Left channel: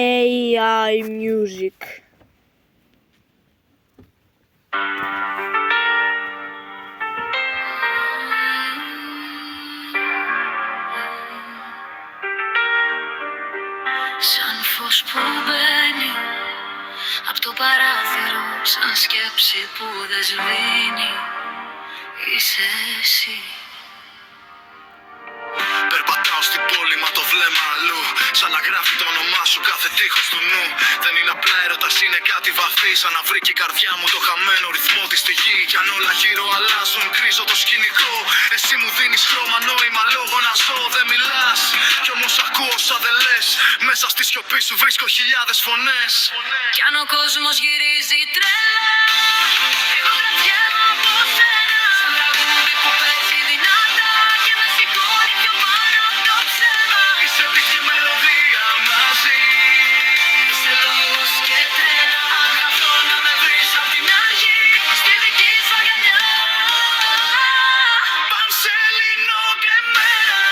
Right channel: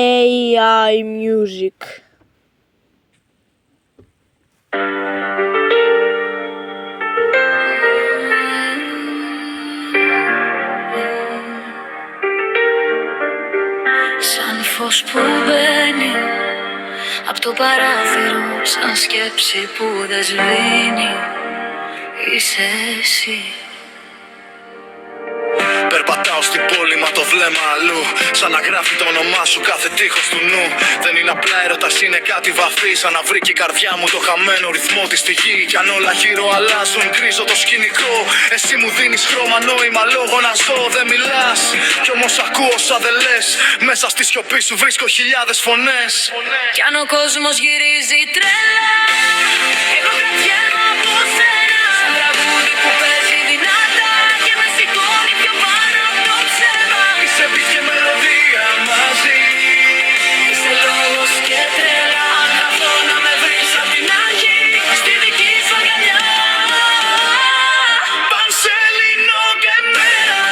AI Music. Σαν φως που μπαίνει απ' το παράθυρο, σαν σκέψη που δεν σβήνει, είσαι εσύ. Περπατάω στην πόλη μα το βλέμμα αλλού, σαν να γράφει το όνομά σου κάθε τείχος του νου. Δεν είναι απλά έρωτας, είναι κάτι βαθύ, σαν να βρήκε η καρδιά μου το χαμένο ρυθμό της στη γη. Κι αν όλα γύρω αλλάζουν, γκρίζω το σκηνικό. Εσύ μου δίνεις χρώμα, νόημα, λόγο να ζω. Δεν μιλάς, κι όμως ακούω όσα δεν λες. Μέσα στη σιωπή σου βρίσκω χιλιάδες φωνές. Κι αν ο κόσμος γυρίζει τρέλα, εγώ κρατιέμαι από σένα. Σαν τραγούδι που παίζει δυνατά και με σηκώνει πιο πάνω από το ψέμα. Είσαι beat και μελωδία μαζί. Είσαι λόγος και τρέλα. Αν χαθώ να με βρεις απ' την αρχή, στη δική σου αγκαλιά. Πανσέλινο και μέρα.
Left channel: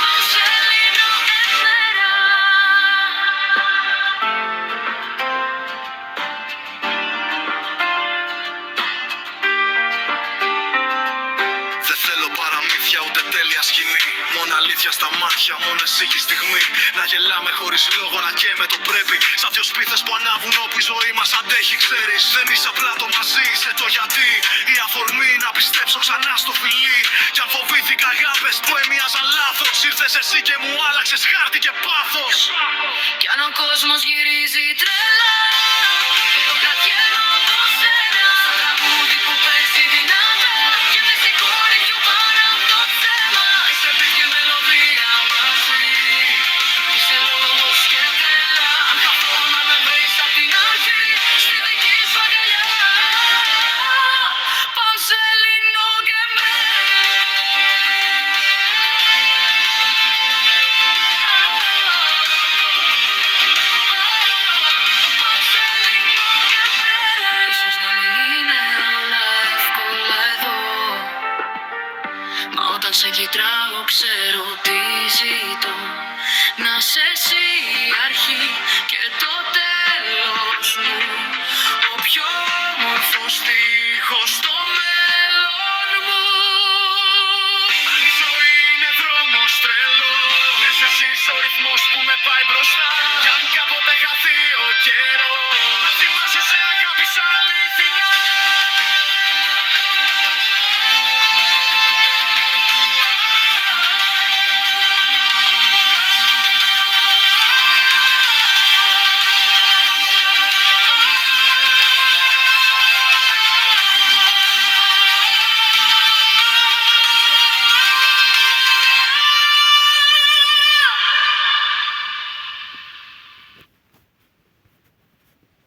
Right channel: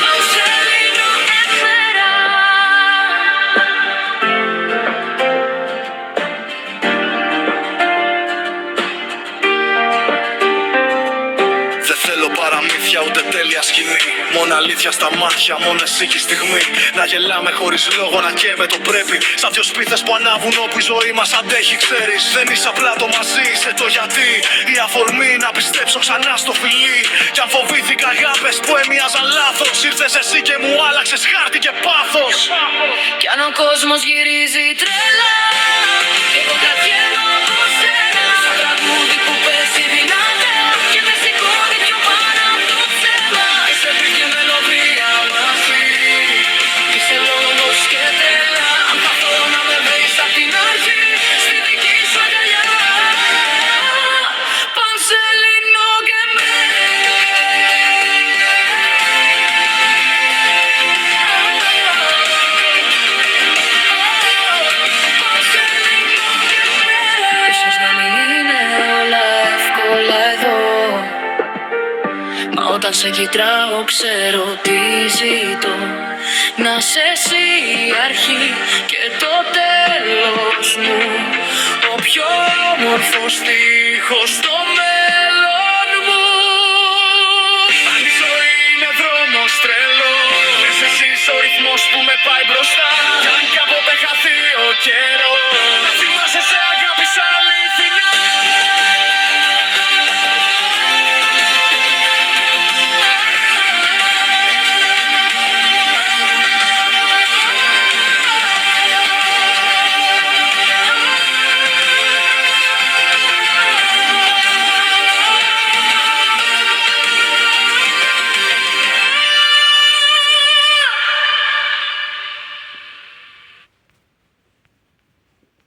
Πανσέλινο εμέρα. Δεν θέλω παραμύθια ούτε τέλεια σκηνή. Μόνο αλήθεια στα μάτια, μόνο εσύ και η στιγμή. Να γελάμε χωρίς λόγο, να καίμε το πρέπει. Σαν δυο σπίθες που ανάβουν όπου η ζωή μας αντέχει, ξέρεις. Δεν είσαι απλά το μαζί, είσαι το γιατί. Η αφορμή να πιστέψω ξανά στο φιλί. Κι αν φοβήθηκα αγάπες που έμοιαζαν λάθος, ήρθες εσύ και μου άλλαξες χάρτη και πάθος. Κι αν ο κόσμος γυρίζει τρέλα, εγώ κρατιέμαι από σένα. Σαν τραγούδι που παίζει δυνατά και με σηκώνει πιο πάνω από το ψέμα. Είσαι beat και μελωδία μαζί. Είσαι λόγος και τρέλα. Αν χαθώ να με βρεις απ' την αρχή, στη δική σου αγκαλιά. Πανσέλινο και Ίσως να μην είναι όλα εύκολα εδώ, μα όταν σε κοιτάω ξέρω τι ζητώ. Να σε εσύ η αρχή και το τέλος μου, ο πιο όμορφος στίχος στο μέλλον μου. Αν η ζωή είναι δρόμος τρελός, εσύ είσαι ο ρυθμός που με πάει μπροστά. Κι αν κάποτε χαθεί ο καιρός, να θυμάσαι σε αγάπη σ' άλλη